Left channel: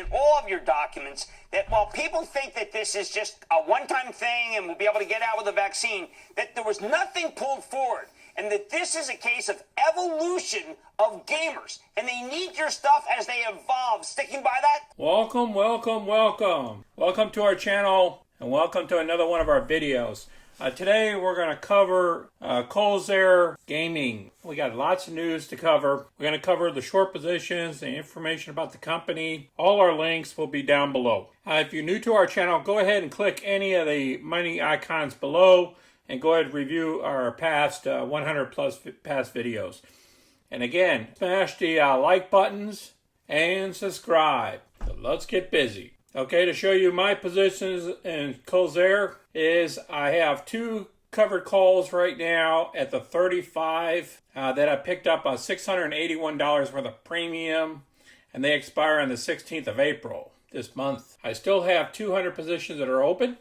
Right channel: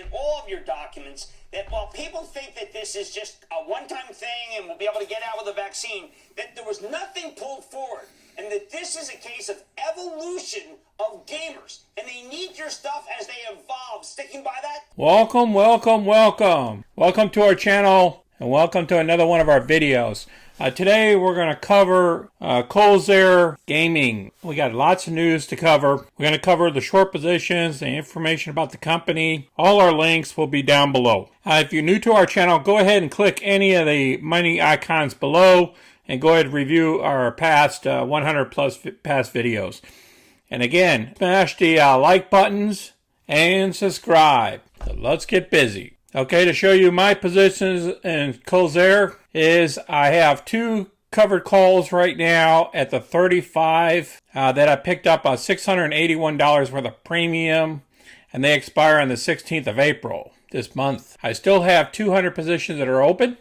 in all of your documents that while people think that this is just a one-time thing and we'll be able to get out with the vaccine, that there was nothing pulled forward, and that this is a case of evolution of gamers, and they need your stuff as they evolve. Sticking by that? Welcome, welcome, welcome. Welcome to our channel, and welcome to another one of our videos. Today we're going to cover Corsair Gaming. We got lots of news to cover. We're going to cover the short positions, the information about the company. All our links will be down below. If you're new to our channel, go ahead and click any of the money icons below and go ahead and review our past 100 plus past videos. And again, smash the like buttons and subscribe. So let's get busy. Okay, to show you my positions in Corsair is I have two covered calls right now at the 35 that I picked up on $681 worth of premium, and they expire on the 16th of April this month. I still have 200 positions that are open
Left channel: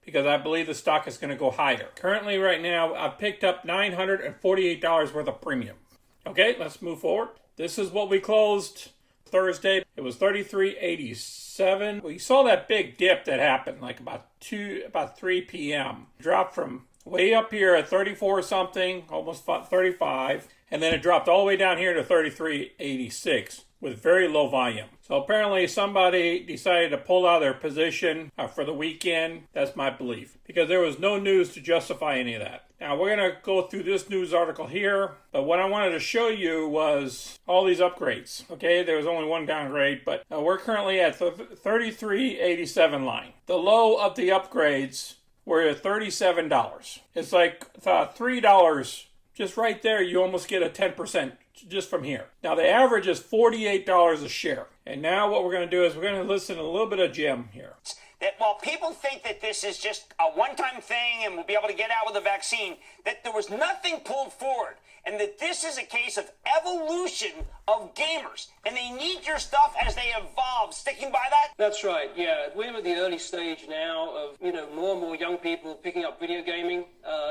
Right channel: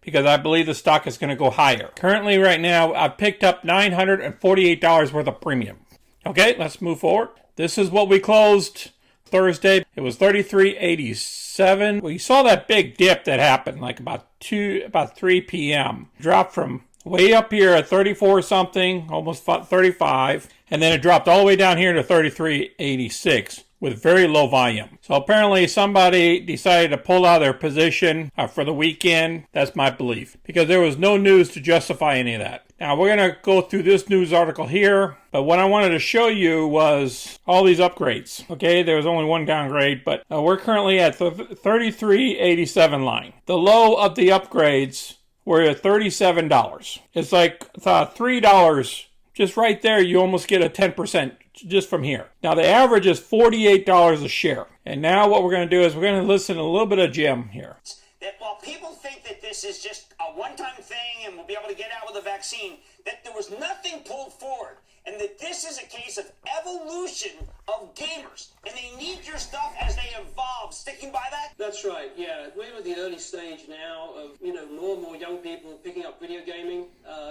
because I believe the stock is going to go higher. Currently right now I've picked up $948 worth of premium. Okay, let's move forward. This is what we closed Thursday. It was 33.87. We saw that big dip that happened like about 3 p.m. Dropped from way up here at 34 something, almost 35, and then it dropped all the way down here to 33.86 with very low volume. So apparently somebody decided to pull out their position for the weekend. That's my belief, because there was no news to justify any of that. Now we're going to go through this news article here, but what I wanted to show you was all these upgrades. Okay, there was only one downgrade, but we're currently at the 33.87 line. The low of the upgrades were at $37. It's like $3 just right there. You almost get a 10% just from here. Now the average is $48 a share. And now what we're going to do is we're going to listen to a little bit of Jim here. That while people think that this is just a one-time thing and we'll be able to get out with the vaccine, that there was nothing pulled forward, and that this is a case of evolution of gamers, and they need your stuff as they evolve. Sticking by that? That's right, yeah. We're at the early stage now of, more and more young people picking up video gaming.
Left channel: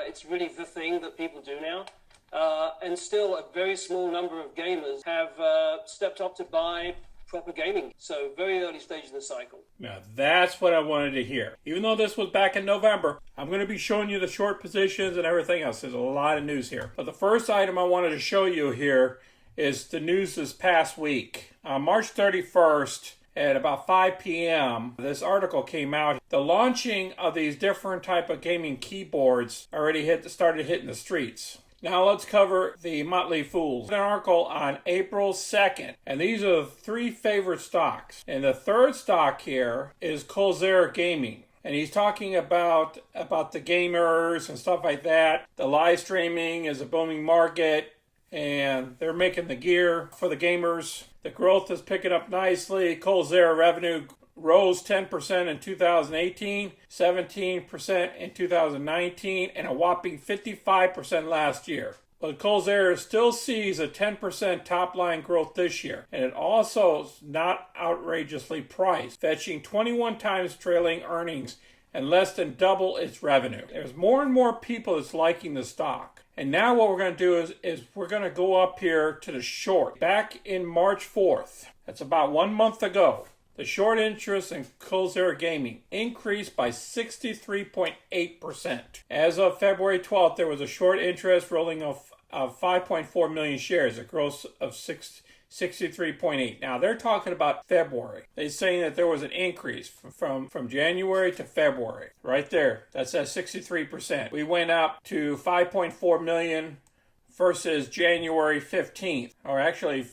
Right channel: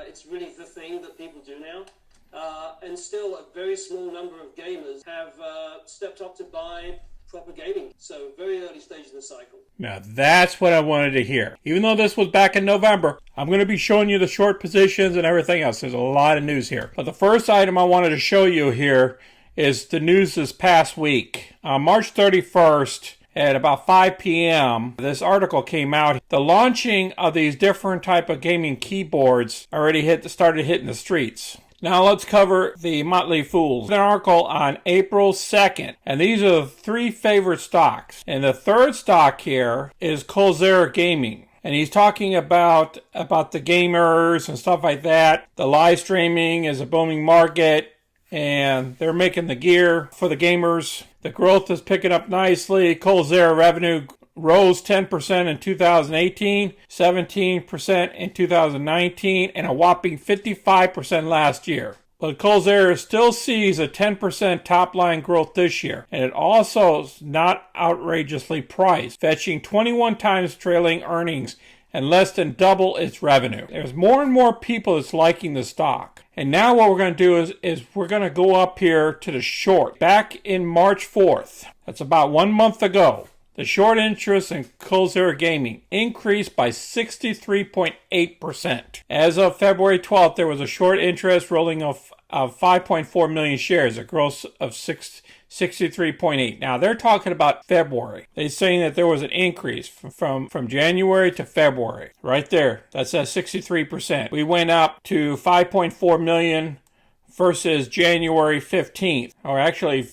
It's really the thing that people do now. And still a very small number of gamers have stepped up to buy proper gaming. So very early stage in the cycle. Now that's what I wanted to hear. Even though this was back in November, I'm going to be showing you the short positions and everything else. There's a lot of news here. But the first item I wanted to show you here is the news this past week. On March 31st, at about 5 p.m., this article came out. The launching of these different type of gaming keyboards already started hitting the streets. Now let's cover the Motley Fools. An article on April 2nd, and these are the three favorite stocks. And the third stock here is Corsair Gaming. And he's talking about the gamers and stuff like that. The live streaming is a booming market, and they're making the gear for the gamers. The growth is picking up nicely. Corsair revenue rose 10% in 2018, 17% in 2019, and a whopping 55% last year. But Corsair still sees a 10% top-line growth this year, and it also is not outrageously priced, fetching 21 times trailing earnings and less than double its revenue. There's more and more people that's liking the stock. And now what we're going to do is we're going to go up here to the short. Back in March 4th, that's about 1 month ago, the short interest in Corsair Gaming increased by 63.8%. As of February 12th, there was a short interest rolling of 5.4 million shares, a growth of 63.8. Now, they're talking about February. They're saying that there was an increase from January to February. Right there, that says 63%. We went up to 5.4 million versus January 15th, or actually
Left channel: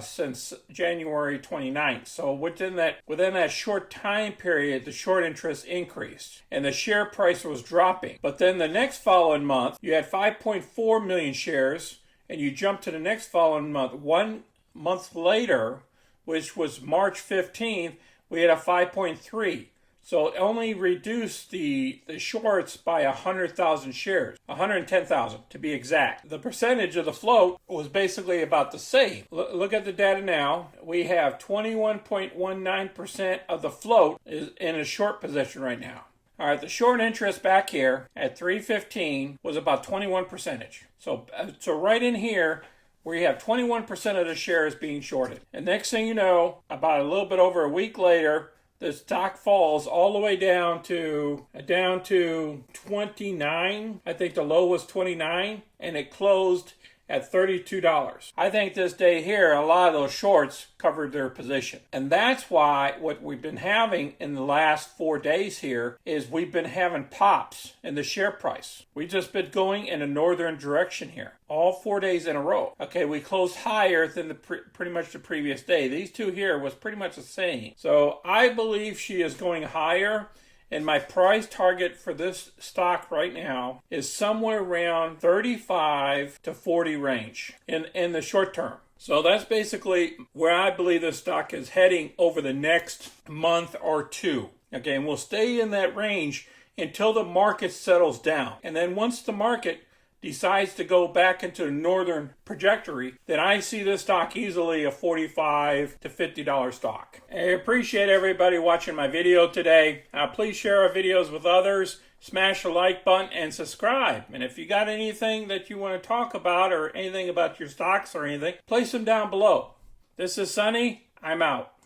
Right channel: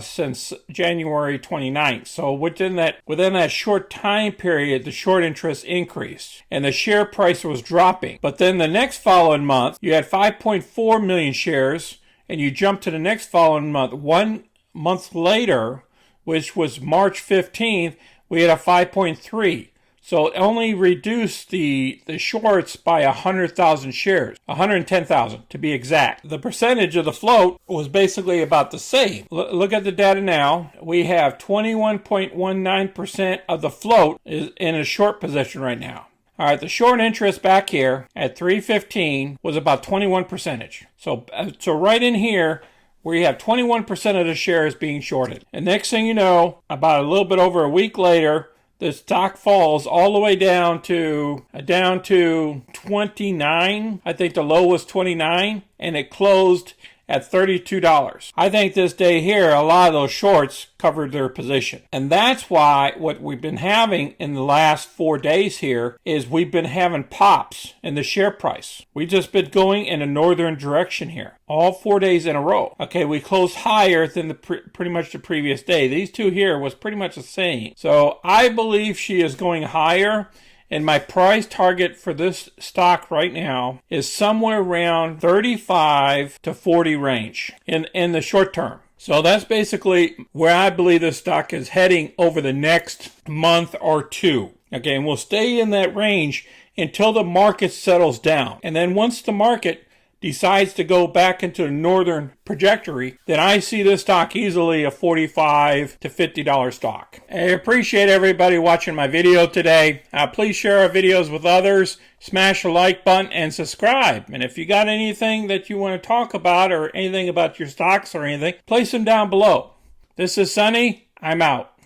since January 29th. So within that short time period, the short interest increased and the share price was dropping. But then the next following month, you had 5.4 million shares, and you jump to the next following month. 1 month later, which was March 15th, we had a 5.3. So it only reduced the shorts by 100,000 shares, 110,000 to be exact. The percentage of the float was basically about the same. Look at the data now. We have 21.19% of the float is in a short position right now. All right, the short interest back here at 315 was about 21%. So right in here, where you have 21% of the shares being shorted. And next thing you know, about a little bit over a week later, the stock falls all the way down to 29. I think the low was 29, and it closed at $32. I think this day here, a lot of those shorts covered their position. And that's why what we've been having in the last 4 days here is we've been having pops in the share price. We've just been going in a northern direction here, all 4 days in a row. Okay, we closed higher than pretty much the previous day. These two here was pretty much the same. So I believe she is going higher. And my price target for this stock right now is somewhere around 35 to 40 range in the short term. So that's basically where I believe this stock is heading over the next month or two. Okay, and we'll stay in that range until the market settles down. And then once the market decides to go back into a northern trajectory, then I see this stock easily a $45 to $50 stock. I appreciate everybody watching my video today. Please share our videos with others, smash the like button, and subscribe. And if you got anything that you want to talk about or anything about your stocks or anything, place them down below. This is Sonny. I'm out.